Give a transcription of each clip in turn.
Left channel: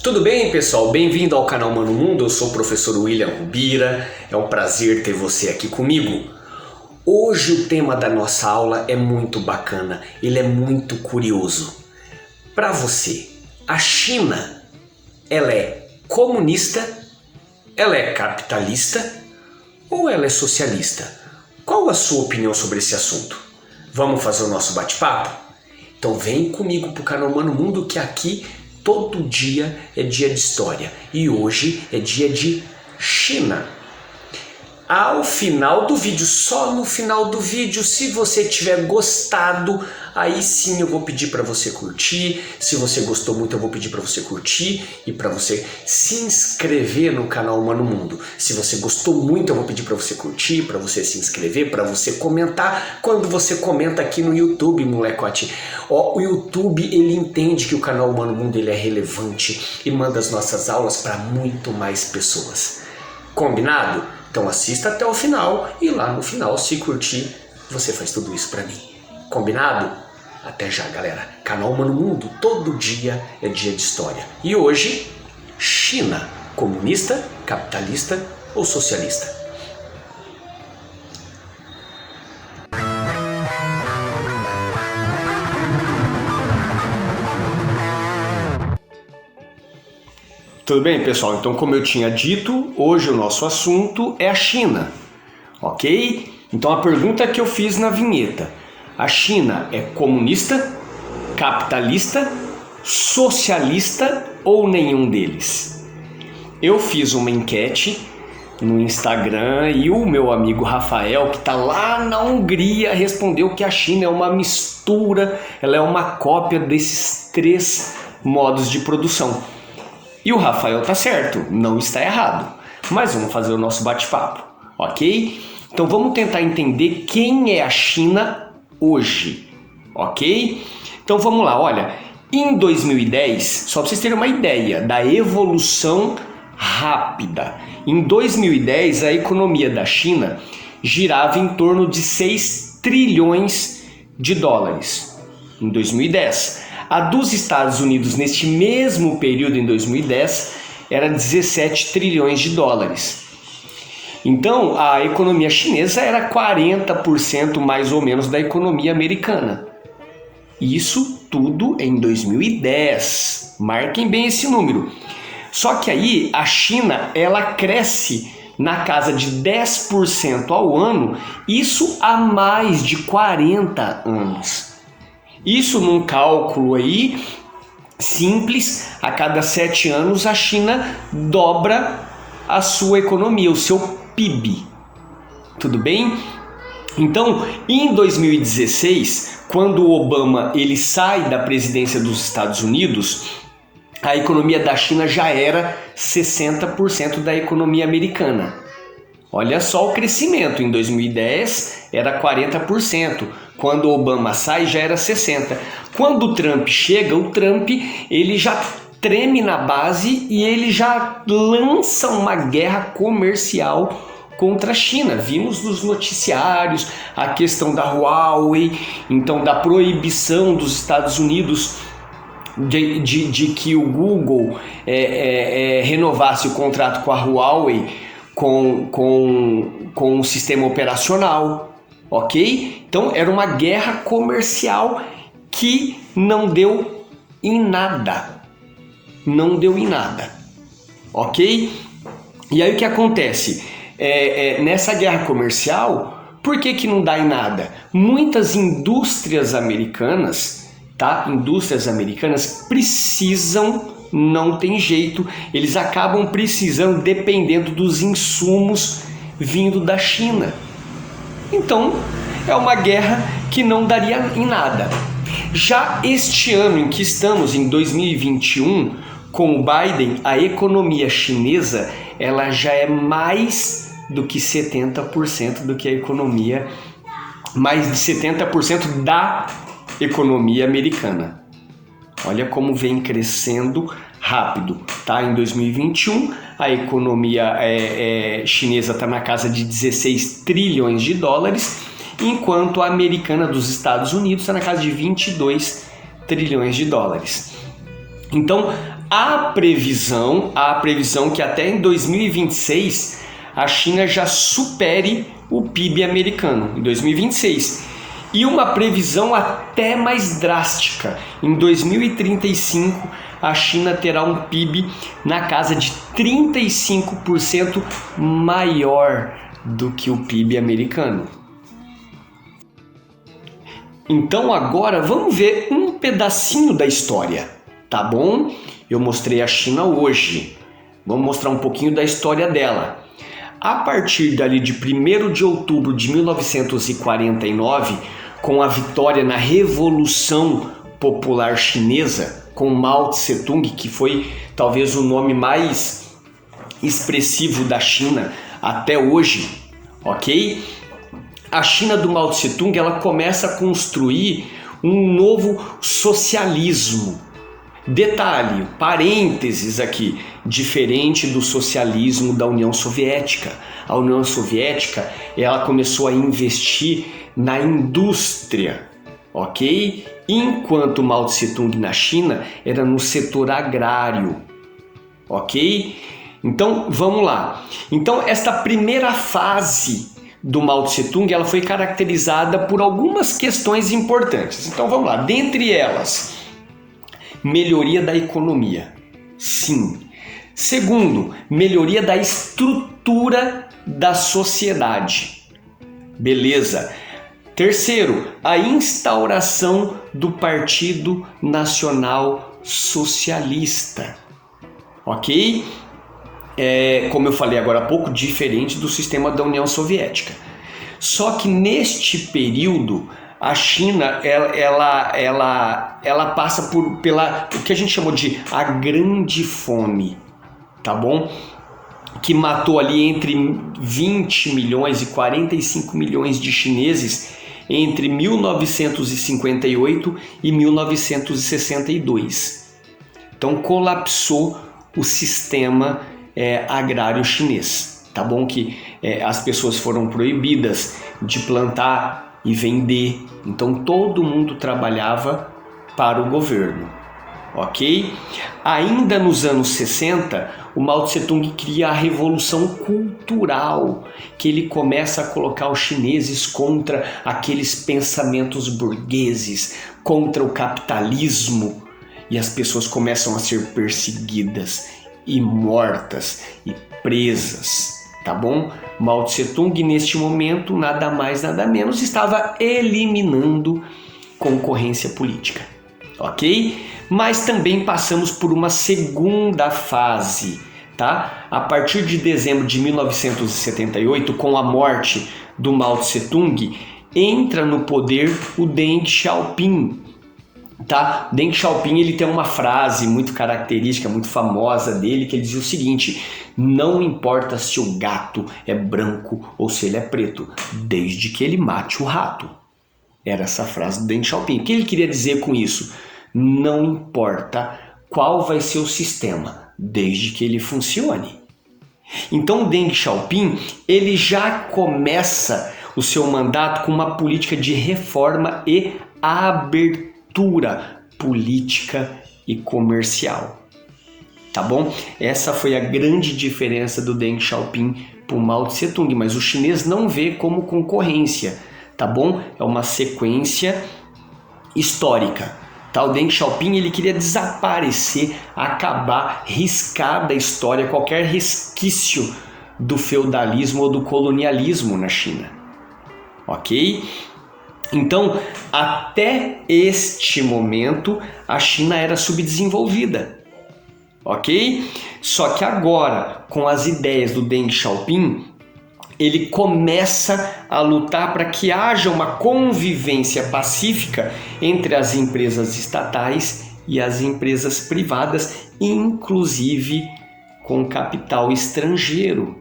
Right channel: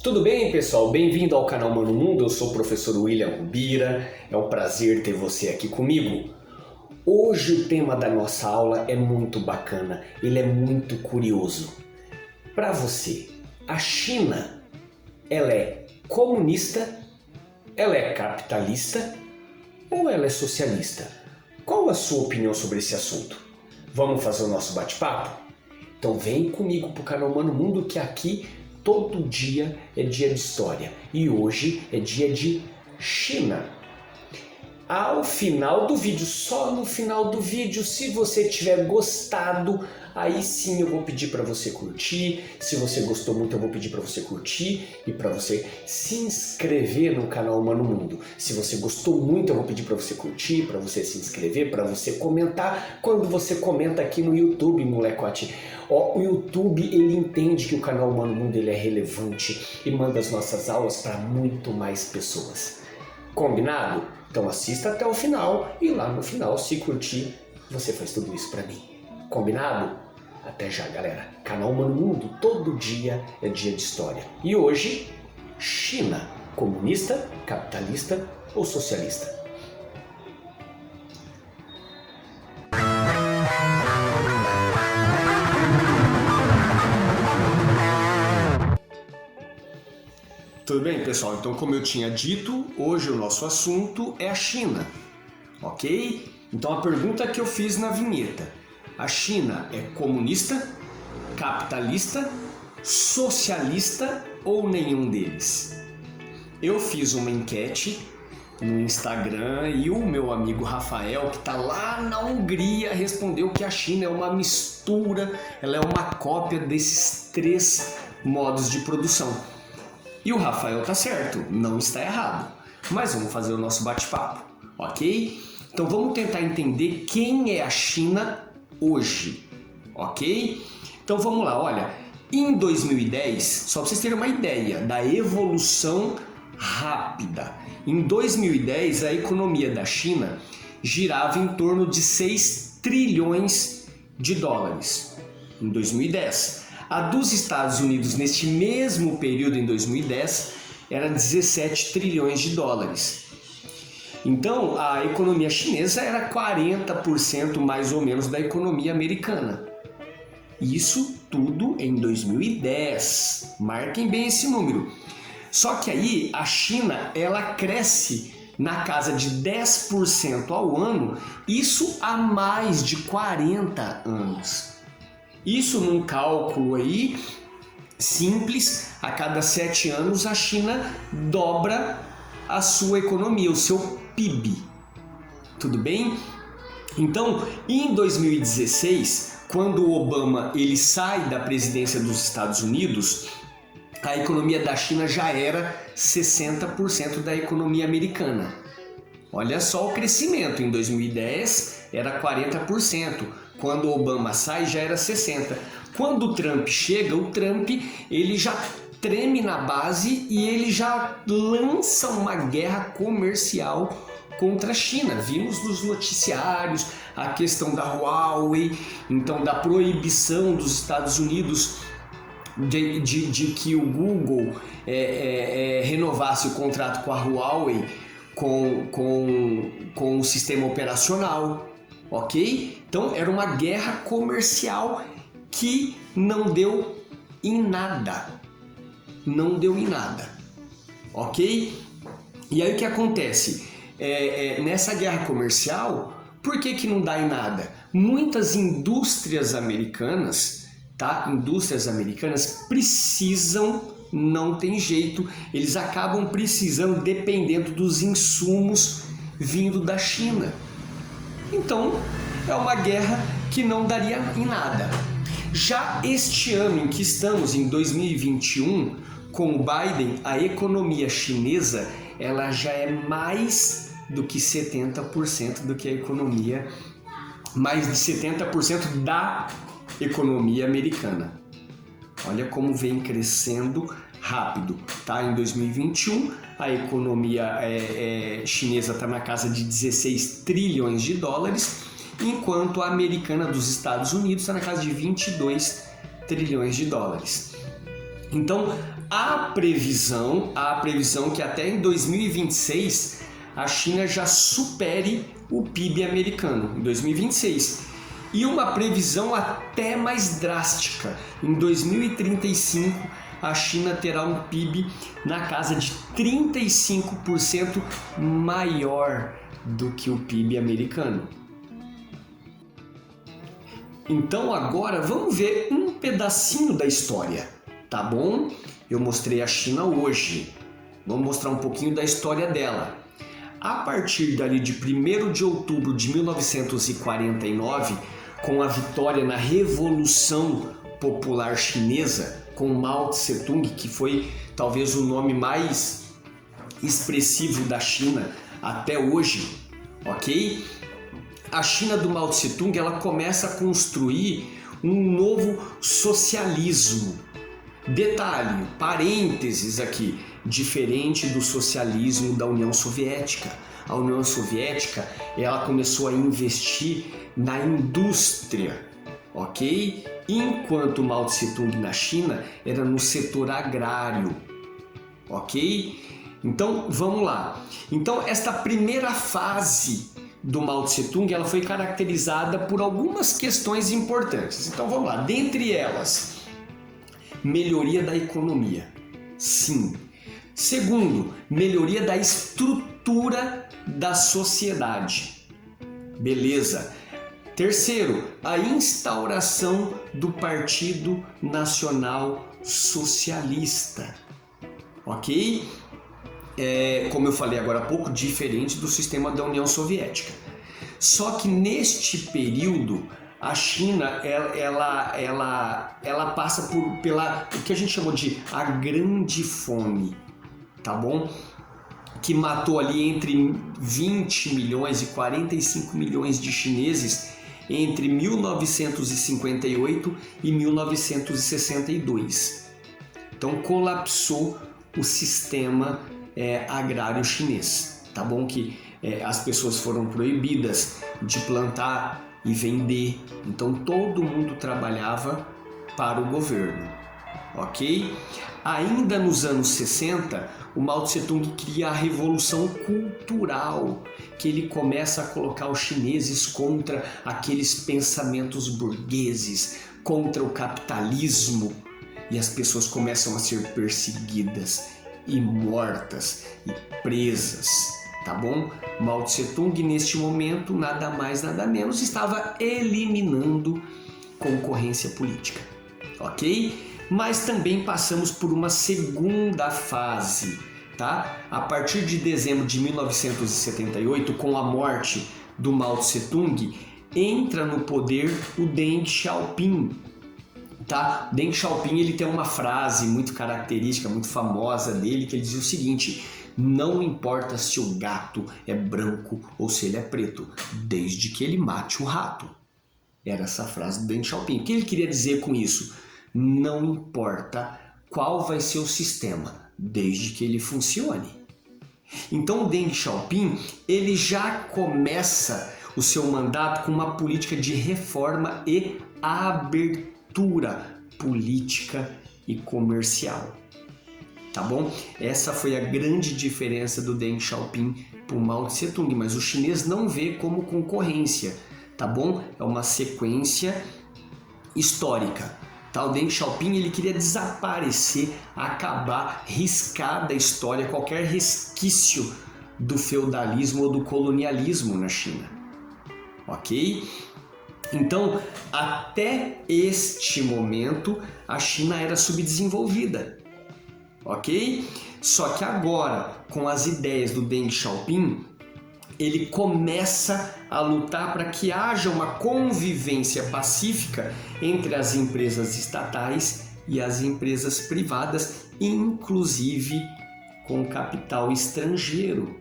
Tudo bem, pessoal? Bem-vindo ao canal Mano Mundo. Eu sou o professor William Rubira. É um prazer ter você aqui comigo. Hoje o tema da nossa aula é muito bacana. Ele é muito curioso. Para você, a China, ela é comunista? Ela é capitalista? Ou ela é socialista? Qual a sua opinião sobre esse assunto? Vamos fazer o nosso bate-papo? Então vem comigo pro canal Mano Mundo, que aqui todo dia é dia de história e hoje é dia de China. Ao final do vídeo, só no final do vídeo, se você tiver gostado, aí sim eu vou pedir para você curtir. Se você gostou muito, eu vou pedir para você curtir e para você se inscrever no canal Mano Mundo. Se você gostou muito, eu vou pedir para você curtir, para você se inscrever, para você comentar. Quando você comenta aqui no YouTube, molecote, o YouTube ele entende que o canal Mano Mundo ele é relevante e manda as nossas aulas para muito mais pessoas. Combinado? Então assista até o final e lá no final, se curtir, você faz tudo isso pra mim. Combinado? Até já, galera. Canal Mano Mundo, todo dia é dia de história. E hoje, China, comunista, capitalista ou socialista? Tudo bem, pessoal? Então, como eu tinha dito, hoje o nosso assunto é a China, ok? Então, a pergunta que eu fiz na vinheta: a China é comunista, capitalista, socialista ou nenhum deles? Eu fiz uma enquete no Instagram e o meu amigo Rafael, que está lá na Hungria, respondeu que a China é uma mistura, ela é uma cópia desses três modos de produção. E o Rafael tá certo, não está errado. Mas vamos fazer o nosso bate-papo, ok? Então vamos tentar entender quem é a China hoje, ok? Então vamos lá, olha, em 2010, só para vocês terem uma ideia da evolução rápida, em 2010 a economia da China girava em torno de 6 trilhões de dólares, em 2010. A dos Estados Unidos, neste mesmo período, em 2010, era 17 trilhões de dólares. Então, a economia chinesa era 40% mais ou menos da economia americana. Isso tudo em 2010. Marquem bem esse número. Só que aí, a China, ela cresce na casa de 10% ao ano, isso há mais de 40 anos. Isso num cálculo aí simples, a cada 7 anos a China dobra a sua economia, o seu PIB. Tudo bem? Então, em 2016, quando o Obama ele sai da presidência dos Estados Unidos, a economia da China já era 60% da economia americana. Olha só o crescimento, em 2010 era 40%. Quando o Obama sai, já era 60%. Quando o Trump chega, o Trump ele já treme na base e ele já lança uma guerra comercial contra a China. Vimos nos noticiários a questão da Huawei, então da proibição dos Estados Unidos de que o Google renovasse o contrato com a Huawei com o sistema operacional. Ok? Então era uma guerra comercial que não deu em nada. Não deu em nada. Ok? E aí o que acontece? Nessa guerra comercial, por que não dá em nada? Muitas indústrias americanas, tá? Indústrias americanas precisam, não tem jeito, eles acabam precisando dependendo dos insumos vindo da China. Então, é uma guerra que não daria em nada. Já este ano em que estamos, em 2021, com o Biden, a economia chinesa ela já é mais do que 70% do que a economia, mais de 70% da economia americana. Olha como vem crescendo rápido, tá? Em 2021, a economia chinesa está na casa de 16 trilhões de dólares, enquanto a americana dos Estados Unidos está na casa de 22 trilhões de dólares. Então, a previsão que até em 2026 a China já supere o PIB americano, em 2026. E uma previsão até mais drástica, em 2035 a China terá um PIB na casa de 35% maior do que o PIB americano. Então agora vamos ver um pedacinho da história, tá bom? Eu mostrei a China hoje, vamos mostrar um pouquinho da história dela. A partir dali de 1º de outubro de 1949, com a vitória na Revolução Popular Chinesa, com Mao Tse-tung, que foi talvez o nome mais expressivo da China até hoje, ok? A China do Mao Tse-tung, ela começa a construir um novo socialismo. Detalhe, parênteses aqui, diferente do socialismo da União Soviética. A União Soviética, ela começou a investir na indústria, ok? Enquanto Mao Tse-tung na China era no setor agrário, ok? Então, vamos lá. Então, esta primeira fase do Mao Tse-tung, ela foi caracterizada por algumas questões importantes. Então, vamos lá. Dentre elas, melhoria da economia. Sim. Segundo, melhoria da estrutura da sociedade. Beleza. Terceiro, a instauração do Partido Nacional Socialista. Ok? Como eu falei agora há pouco, diferente do sistema da União Soviética. Só que neste período, a China ela passa pela o que a gente chamou de a Grande Fome, tá bom? Que matou ali entre 20 milhões e 45 milhões de chineses entre 1958 e 1962. Então colapsou o sistema agrário chinês, tá bom? Que as pessoas foram proibidas de plantar e vender, então todo mundo trabalhava para o governo, ok? Ainda nos anos 60, o Mao Tse-tung cria a Revolução Cultural, que ele começa a colocar os chineses contra aqueles pensamentos burgueses, contra o capitalismo, e as pessoas começam a ser perseguidas e mortas e presas, tá bom? Mao Tse-tung neste momento, nada mais nada menos, estava eliminando concorrência política, ok? Mas também passamos por uma segunda fase, tá? A partir de dezembro de 1978, com a morte do Mao Tse-tung, entra no poder o Deng Xiaoping, tá? Deng Xiaoping, ele tem uma frase muito característica, muito famosa dele, que ele dizia o seguinte: não importa se o gato é branco ou se ele é preto, desde que ele mate o rato. Era essa frase do Deng Xiaoping. O que ele queria dizer com isso? Não importa qual vai ser o sistema, desde que ele funcione. Então o Deng Xiaoping, ele já começa o seu mandato com uma política de reforma e abertura política e comercial. Tá bom? Essa foi a grande diferença do Deng Xiaoping para o Mao Tse-tung, mas o chinês não vê como concorrência, tá bom? É uma sequência histórica. Tá? O Deng Xiaoping, ele queria desaparecer, acabar, riscar da história qualquer resquício do feudalismo ou do colonialismo na China. Ok? Então, até este momento, a China era subdesenvolvida, ok? Só que agora, com as ideias do Deng Xiaoping, ele começa a lutar para que haja uma convivência pacífica entre as empresas estatais e as empresas privadas, inclusive com capital estrangeiro.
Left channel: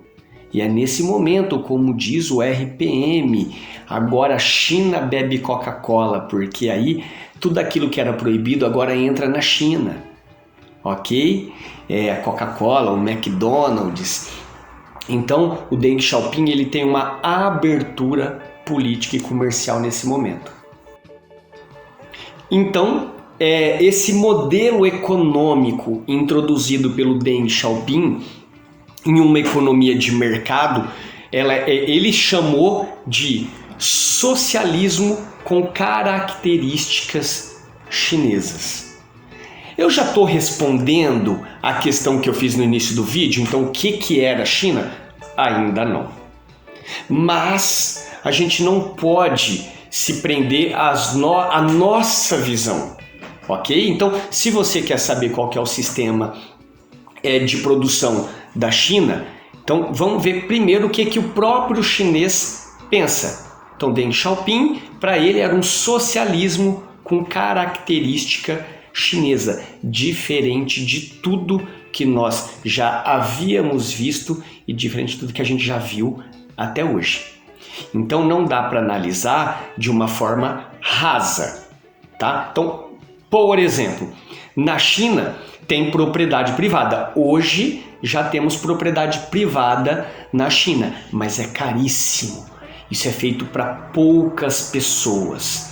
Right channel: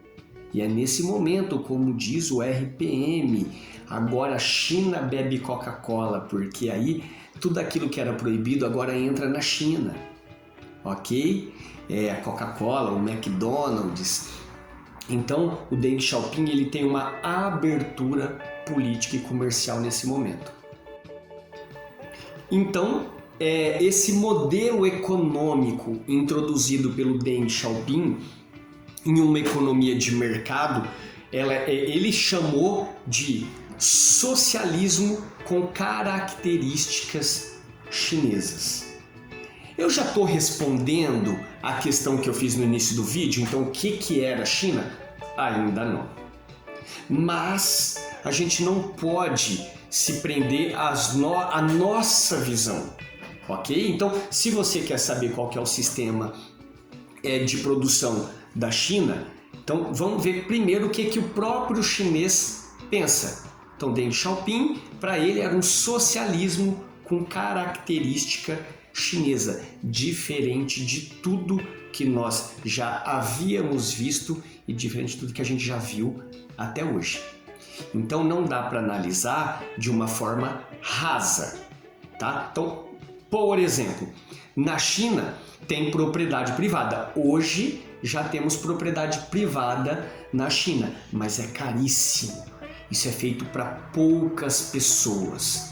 E é nesse momento, como diz o RPM, agora a China bebe Coca-Cola, porque aí tudo aquilo que era proibido agora entra na China, ok? A Coca-Cola, o McDonald's. Então, o Deng Xiaoping, ele tem uma abertura política e comercial nesse momento. Então, esse modelo econômico introduzido pelo Deng Xiaoping em uma economia de mercado, ele chamou de socialismo com características chinesas. Eu já estou respondendo a questão que eu fiz no início do vídeo, então o que era a China? Ainda não. Mas a gente não pode se prender à nossa visão, ok? Então, se você quer saber qual que é o sistema de produção da China, então vamos ver primeiro o que o próprio chinês pensa. Então, Deng Xiaoping, para ele, era um socialismo com característica chinesa, diferente de tudo que nós já havíamos visto e diferente de tudo que a gente já viu até hoje. Então não dá para analisar de uma forma rasa, tá? Então, por exemplo, na China tem propriedade privada. Hoje já temos propriedade privada na China, mas é caríssimo. Isso é feito para poucas pessoas.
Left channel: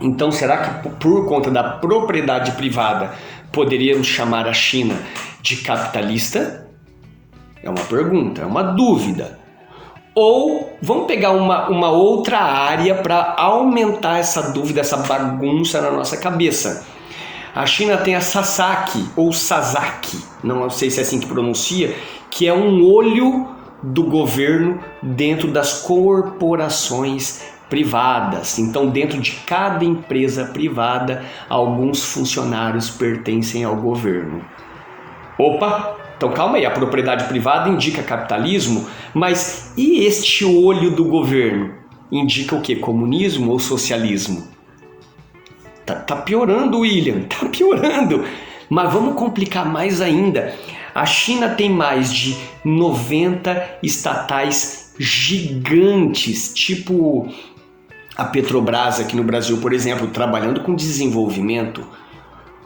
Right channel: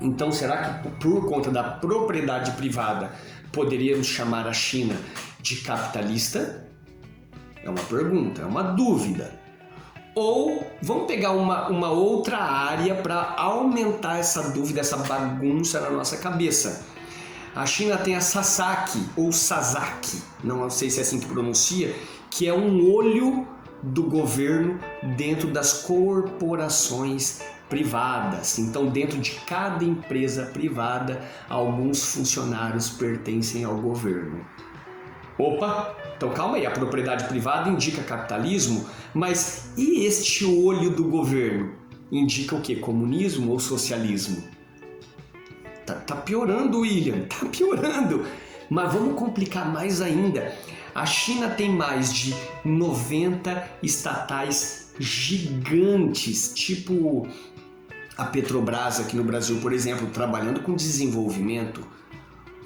Então, será que por conta da propriedade privada poderíamos chamar a China de capitalista? É uma pergunta, é uma dúvida. Ou vamos pegar uma outra área para aumentar essa dúvida, essa bagunça na nossa cabeça. A China tem a Sasaki, ou Sasaki, não sei se é assim que pronuncia, que é um olho do governo dentro das corporações privadas. Então, dentro de cada empresa privada, alguns funcionários pertencem ao governo. Opa! Então calma aí, a propriedade privada indica capitalismo, mas e este olho do governo? Indica o quê? Comunismo ou socialismo? Tá piorando, William, tá piorando. Mas vamos complicar mais ainda. A China tem mais de 90 estatais gigantes, tipo a Petrobras aqui no Brasil, por exemplo, trabalhando com desenvolvimento.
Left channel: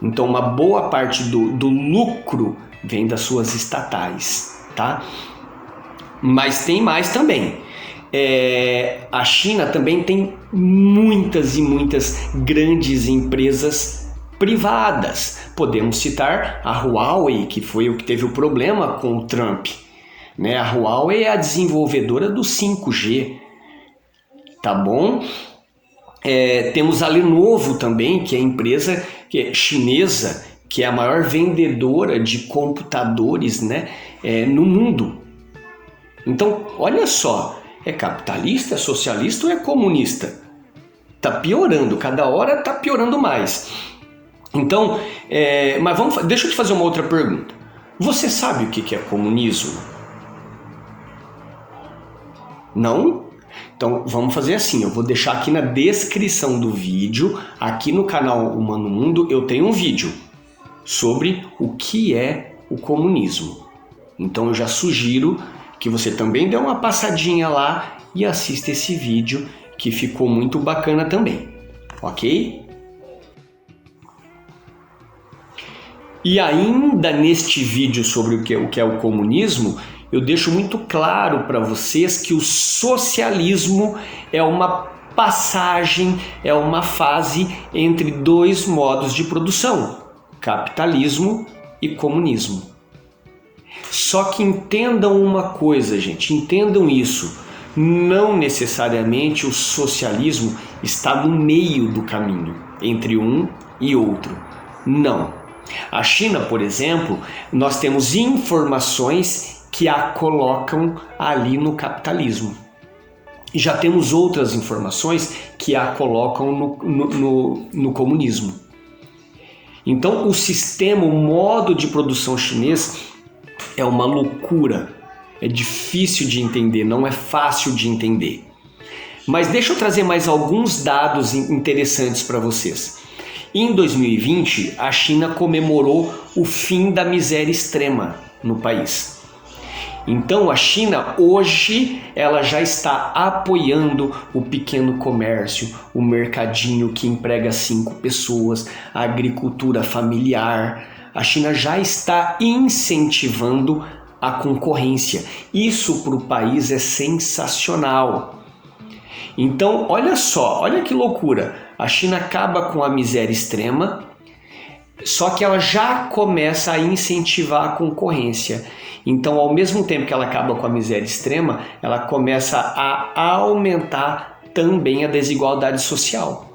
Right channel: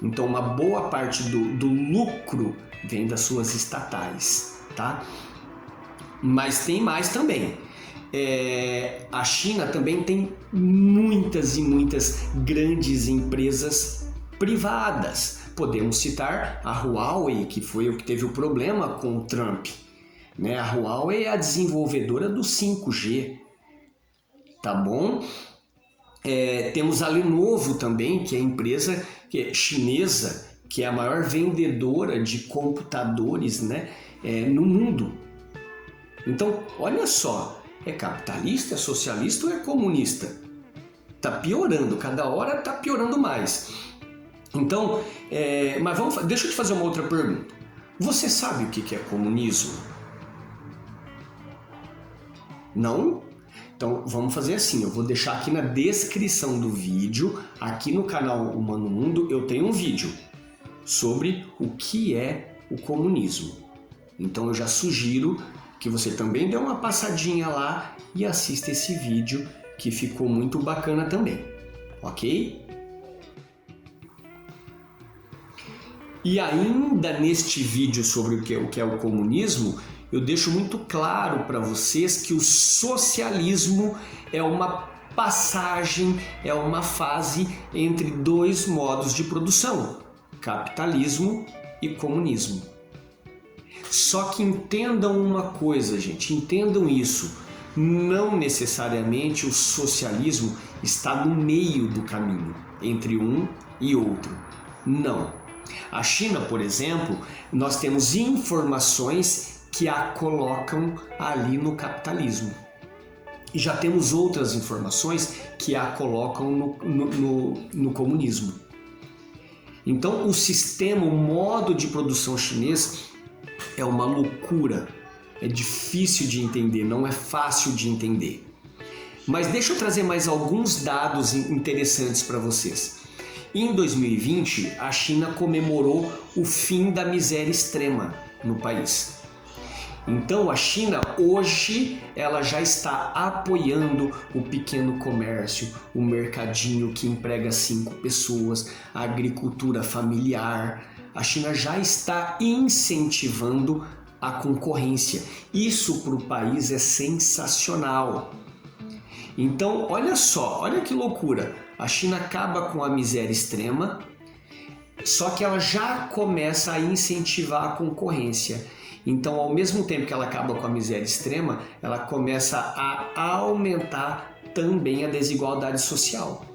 Então uma boa parte do lucro vem das suas estatais, tá? Mas tem mais também. A China também tem muitas e muitas grandes empresas privadas. Podemos citar a Huawei, que foi o que teve o problema com o Trump, né? A Huawei é a desenvolvedora do 5G, tá bom? Temos a Lenovo também, que é a empresa chinesa, que é a maior vendedora de computadores, né, no mundo. Então, olha só, é capitalista, é socialista ou é comunista? Tá piorando, cada hora tá piorando mais. Então, mas deixa eu te fazer uma outra pergunta. Você sabe o que é comunismo? Não? Então vamos fazer assim, eu vou deixar aqui na descrição do vídeo, aqui no canal Humano Mundo, eu tenho um vídeo sobre o que é o comunismo. Então eu já sugiro que você também dê uma passadinha lá e assista esse vídeo, que ficou muito bacana também, ok? E ainda neste vídeo sobre o que é o comunismo, eu deixo muito claro para vocês que o socialismo é uma passagem, é uma fase entre dois modos de produção, capitalismo e comunismo. Só que entendam uma coisa, gente, entendam isso, não necessariamente o socialismo está no meio do caminho, entre um e outro, não. A China, por exemplo, nós temos informações que a colocam ali no capitalismo. E já temos outras informações que a colocam no comunismo. Então, o sistema, o modo de produção chinês é uma loucura. É difícil de entender, não é fácil de entender. Mas deixa eu trazer mais alguns dados interessantes para vocês. Em 2020, a China comemorou o fim da miséria extrema no país. Então a China hoje ela já está apoiando o pequeno comércio, o mercadinho que emprega 5 pessoas, a agricultura familiar. A China já está incentivando a concorrência. Isso para o país é sensacional. Então olha só, olha que loucura. A China acaba com a miséria extrema, Só que ela já começa a incentivar a concorrência. Então, ao mesmo tempo que ela acaba com a miséria extrema, ela começa a aumentar também a desigualdade social.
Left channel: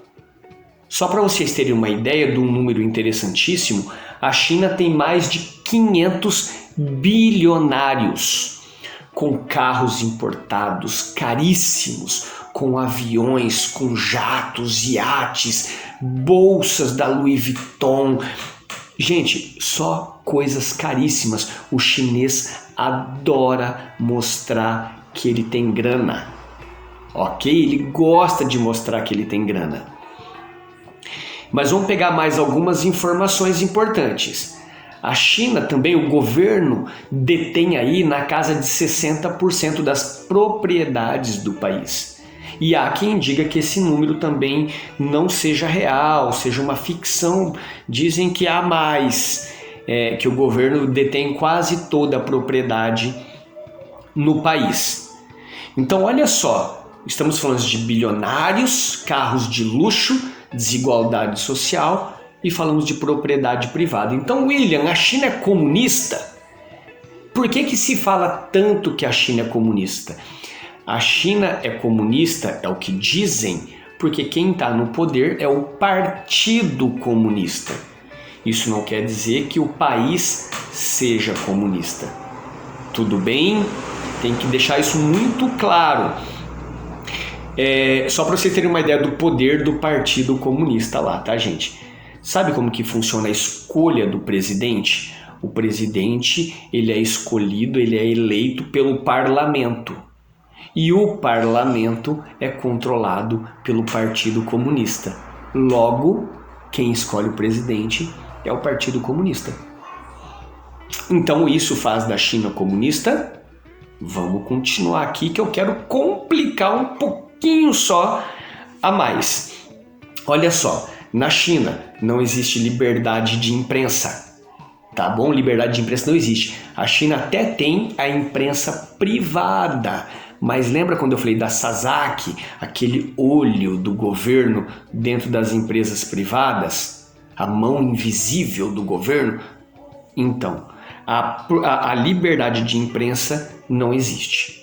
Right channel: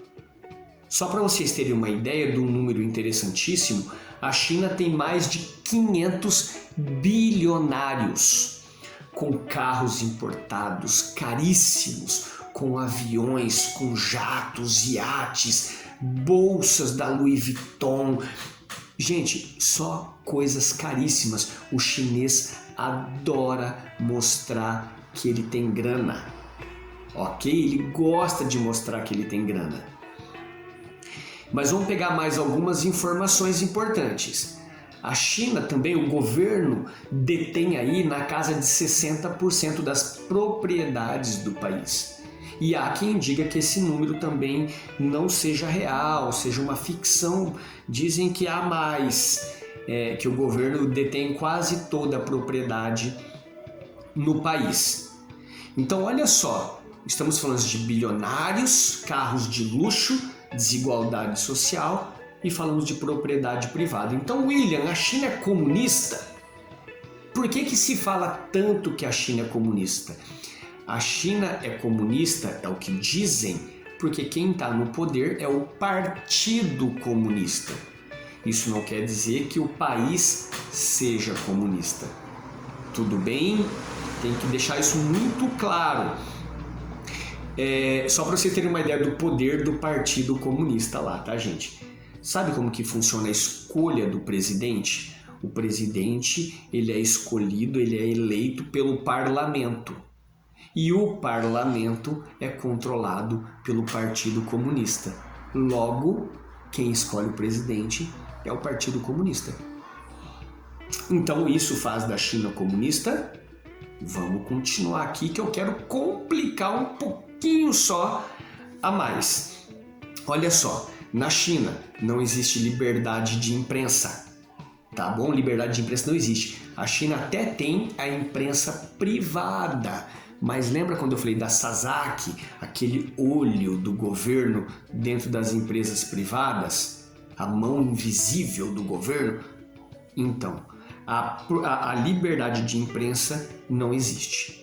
Só para vocês terem uma ideia de um número interessantíssimo, a China tem mais de 500 bilionários com carros importados caríssimos, com aviões, com jatos, iates, bolsas da Louis Vuitton. Gente, só coisas caríssimas. O chinês adora mostrar que ele tem grana, ok? Ele gosta de mostrar que ele tem grana. Mas vamos pegar mais algumas informações importantes. A China também, o governo detém aí na casa de 60% das propriedades do país. E há quem diga que esse número também não seja real, seja uma ficção. Dizem que há mais, que o governo detém quase toda a propriedade no país. Então, olha só, estamos falando de bilionários, carros de luxo, desigualdade social e falamos de propriedade privada. Então, William, a China é comunista? Por que se fala tanto que a China é comunista? A China é comunista, é o que dizem, porque quem está no poder é o Partido Comunista. Isso não quer dizer que o país seja comunista. Tudo bem? Tem que deixar isso muito claro. Só para vocês terem uma ideia do poder do Partido Comunista lá, tá, gente? Sabe como que funciona a escolha do presidente? O presidente, ele é escolhido, ele é eleito pelo parlamento. E o parlamento é controlado pelo Partido Comunista. Logo, quem escolhe o presidente é o Partido Comunista. Então, isso faz da China comunista? Vamos continuar aqui que eu quero complicar um pouquinho só a mais. Olha só, na China não existe liberdade de imprensa, tá bom? Liberdade de imprensa não existe. A China até tem a imprensa privada, mas lembra quando eu falei da Sasaki, aquele olho do governo dentro das empresas privadas? A mão invisível do governo? Então, a liberdade de imprensa não existe.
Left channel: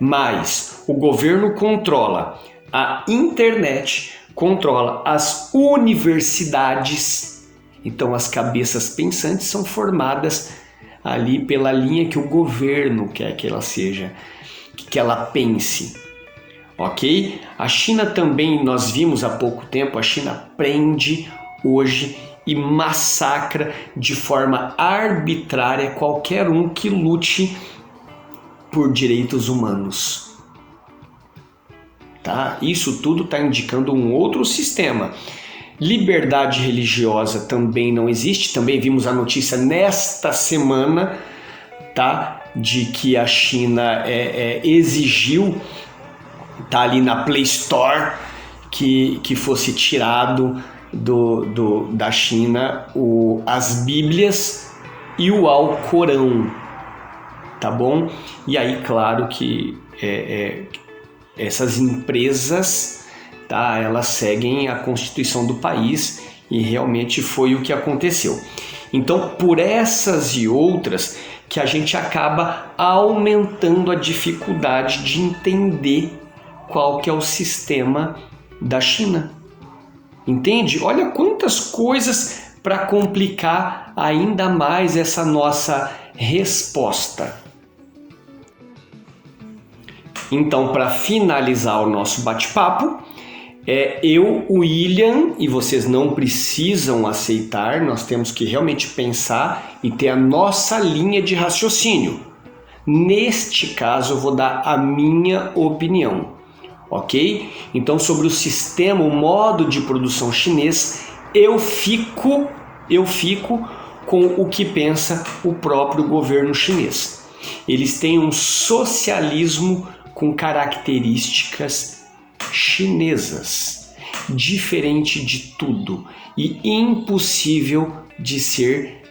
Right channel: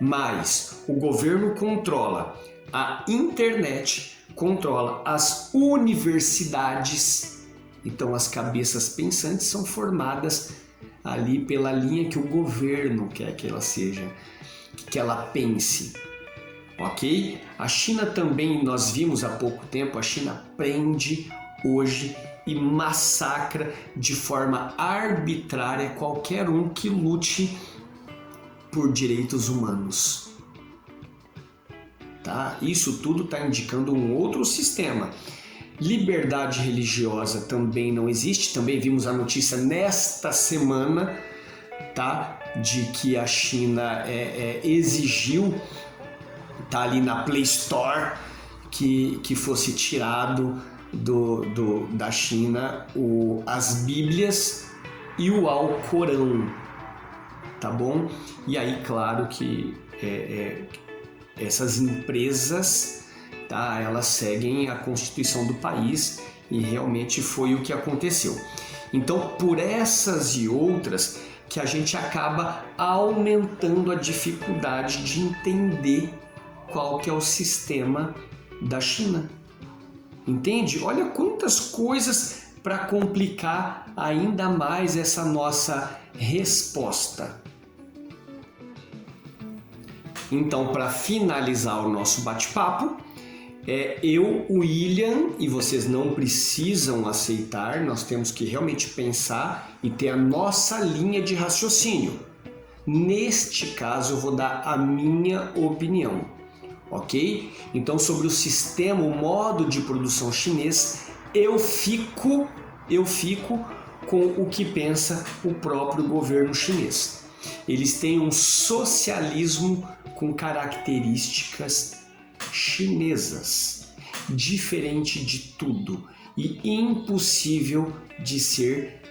Mas o governo controla a internet, controla as universidades. Então as cabeças pensantes são formadas ali pela linha que o governo quer que ela seja, que ela pense. Ok? A China também, nós vimos há pouco tempo, a China prende hoje e massacra de forma arbitrária qualquer um que lute por direitos humanos. Tá? Isso tudo está indicando um outro sistema. Liberdade religiosa também não existe. Também vimos a notícia nesta semana, tá? De que a China exigiu, tá ali na Play Store, que fosse tirado da China as Bíblias e o Alcorão, tá bom? E aí, claro que essas empresas, tá, elas seguem a Constituição do país e realmente foi o que aconteceu. Então, por essas e outras que a gente acaba aumentando a dificuldade de entender qual que é o sistema da China. Entende? Olha quantas coisas para complicar ainda mais essa nossa resposta. Então, para finalizar o nosso bate-papo, eu, o William, e vocês não precisam aceitar, nós temos que realmente pensar e ter a nossa linha de raciocínio. Neste caso, eu vou dar a minha opinião, ok? Então, sobre o sistema, o modo de produção chinês, eu fico com o que pensa o próprio governo chinês. Eles têm um socialismo com características chinesas, diferente de tudo e impossível de ser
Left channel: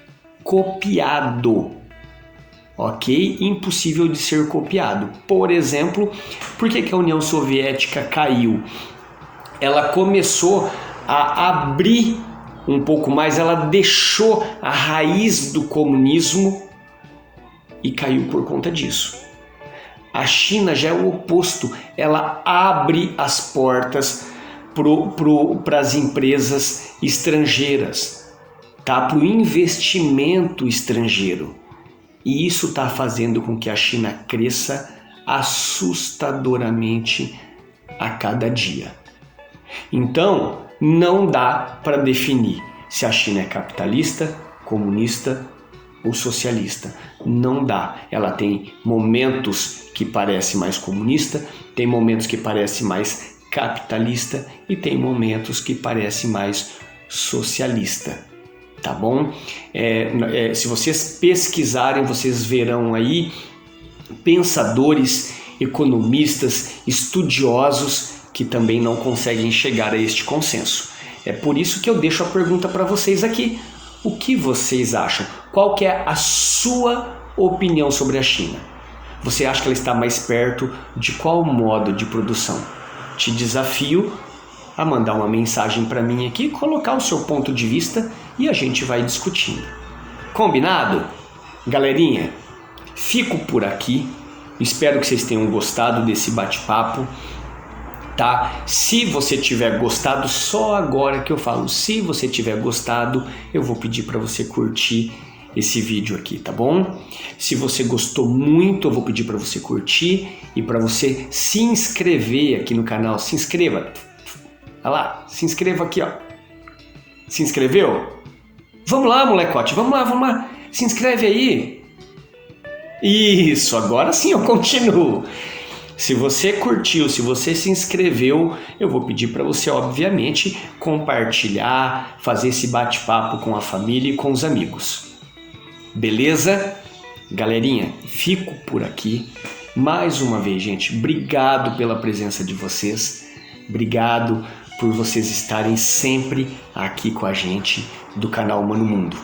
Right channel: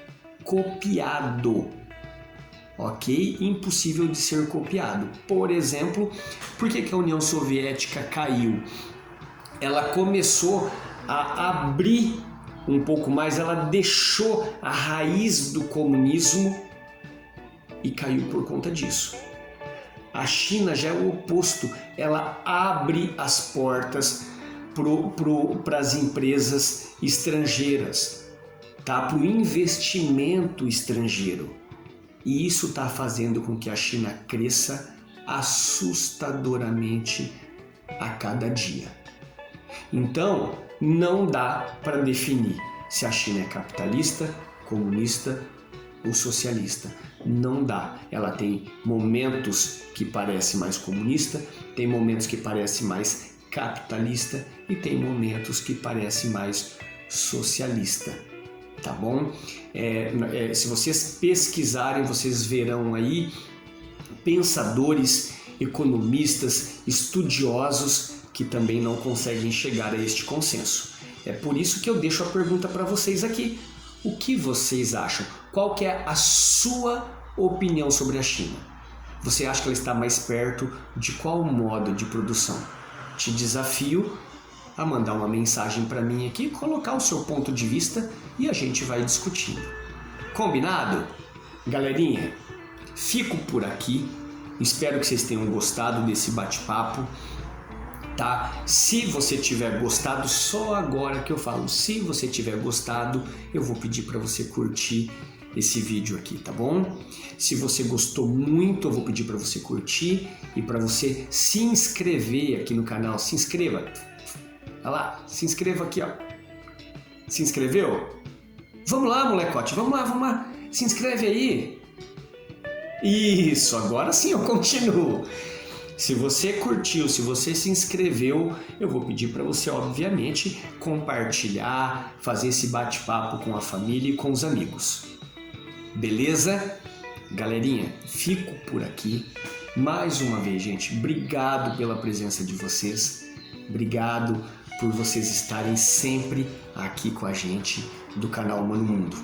copiado, ok? Impossível de ser copiado. Por exemplo, por que a União Soviética caiu? Ela começou a abrir um pouco mais, ela deixou a raiz do comunismo e caiu por conta disso. A China já é o oposto, ela abre as portas para as empresas estrangeiras, tá? Para o investimento estrangeiro. E isso está fazendo com que a China cresça assustadoramente a cada dia. Então, não dá para definir se a China é capitalista, comunista ou socialista. Não dá. Ela tem momentos que parece mais comunista, tem momentos que parece mais capitalista e tem momentos que parece mais socialista. Tá bom? Se vocês pesquisarem, vocês verão aí pensadores, economistas, estudiosos que também não conseguem chegar a este consenso. É por isso que eu deixo a pergunta para vocês aqui. O que vocês acham? Qual que é a sua opinião sobre a China? Você acha que ela está mais perto de qual modo de produção? Te desafio a mandar uma mensagem para mim aqui, colocar o seu ponto de vista e a gente vai discutindo. Combinado? Galerinha, fico por aqui. Espero que vocês tenham gostado desse bate-papo, tá? Se você tiver gostado, só agora que eu falo, se você tiver gostado, eu vou pedir para você curtir esse vídeo aqui, tá bom? Se você gostou muito, eu vou pedir para você curtir e para você se inscrever aqui no canal. Se inscreva. Olha lá, se inscreva aqui, ó. Se inscreveu? Vamos lá, molecote, vamos lá. Se inscreve aí. Isso, agora sim eu continuo. Se você curtiu, se você se inscreveu, eu vou pedir para você, obviamente, compartilhar, fazer esse bate-papo com a família e com os amigos. Beleza? Galerinha, fico por aqui. Mais uma vez, gente, obrigado pela presença de vocês. Obrigado por vocês estarem sempre aqui com a gente do canal Humano Mundo.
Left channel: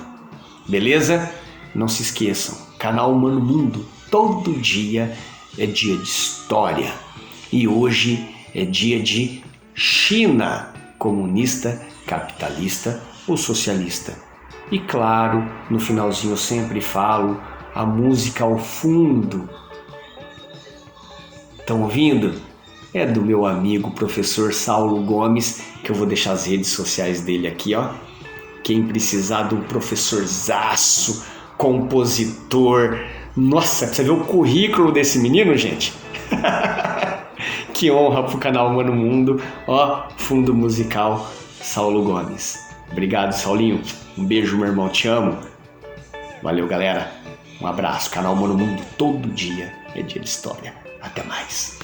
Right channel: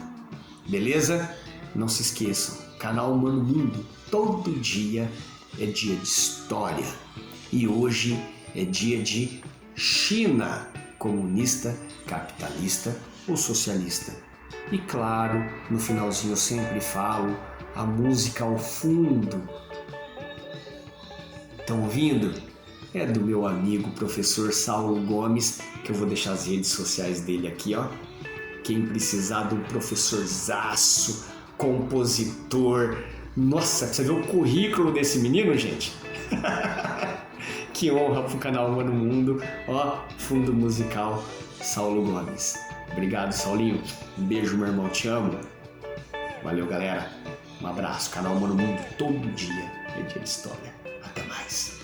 Beleza? Não se esqueçam, canal Humano Mundo, todo dia é dia de história. E hoje é dia de China, comunista, capitalista ou socialista. E claro, no finalzinho eu sempre falo a música ao fundo. Estão ouvindo? É do meu amigo professor Saulo Gomes, que eu vou deixar as redes sociais dele aqui, ó. Quem precisar de um professorzaço, compositor. Nossa, você vê o currículo desse menino, gente? Que honra pro canal Humano Mundo, ó, fundo musical Saulo Gomes. Obrigado, Saulinho. Um beijo, meu irmão, te amo. Valeu, galera. Um abraço. Canal Humano Mundo, todo dia é dia de história. Até mais.